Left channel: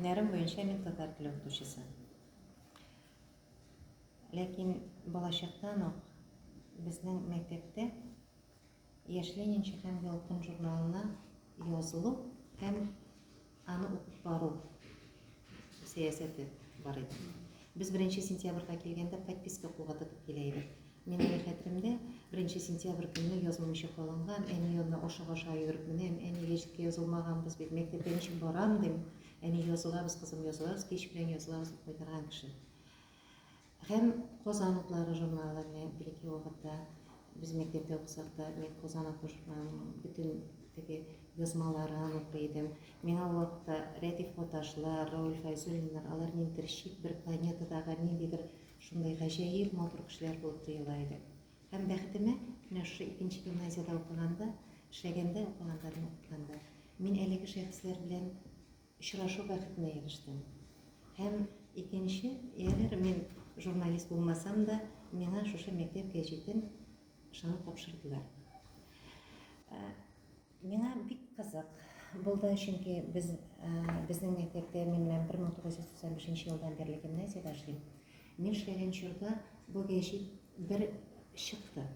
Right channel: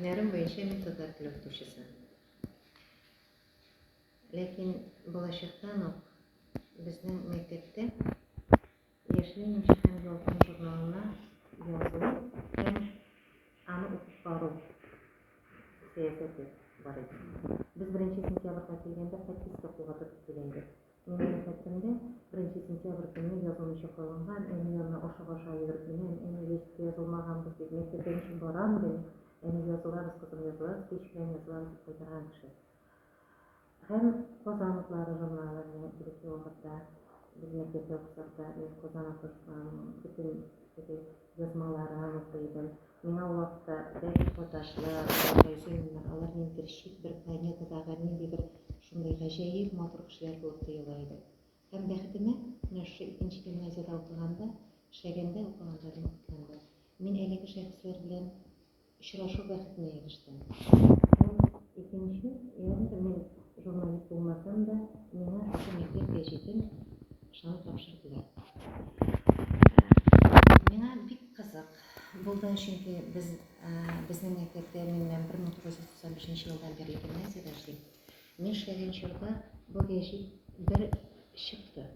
Һөнәрем буенча мин татар теле укытучысы. Ләкин балачактан ук безнең мәктәптә Яшьләр нче һәм ялкын журналына язылу һәм аны укып бару сәясәте бар иде. Без 1 сентябрьгә килгәндә подписка кугатып килә идек. Минем хәтеремдә 1 сентябрь көнне язылмыйча калынган, әни янына аша йөгереп менәм, әни гәҗиткә язылмаганбыз бит, мәктәпкә ничек барам дим, әни язылабыз, кызым язылабыз, кич белән язылабыз дип кайтарган кеше. Һәм Казан утлары журналы белән бер-ике вакытта без мәктәптә укысак та, мен Казан утлы журналының бөтен теге язмаларын укый идем. Миңа ул вакытта Рәдиф Поташлар, Фәйзуллиннар, алар ниндидер чит бер планетадагы ниндидер шундай гаҗәеп матур кешеләр булып тоела иде. Һәм бәхетемә, менә шушы 2нче гимназиядә укыганда, укыганда, мин әлеге шәхесләр белән очрашу бәхетенә ирештем. Һәм икенче, ягъни мин журналист булмасам да, миңа шушы мәктәп гәҗитен ышанып тапшырдылар. Миңа бик кызык булды, чөнки безнең мәктәптә мин 1995 елдан бирле гимназиядә эшлим. Мин эшләгән чорда бу гәҗит бер чыкты.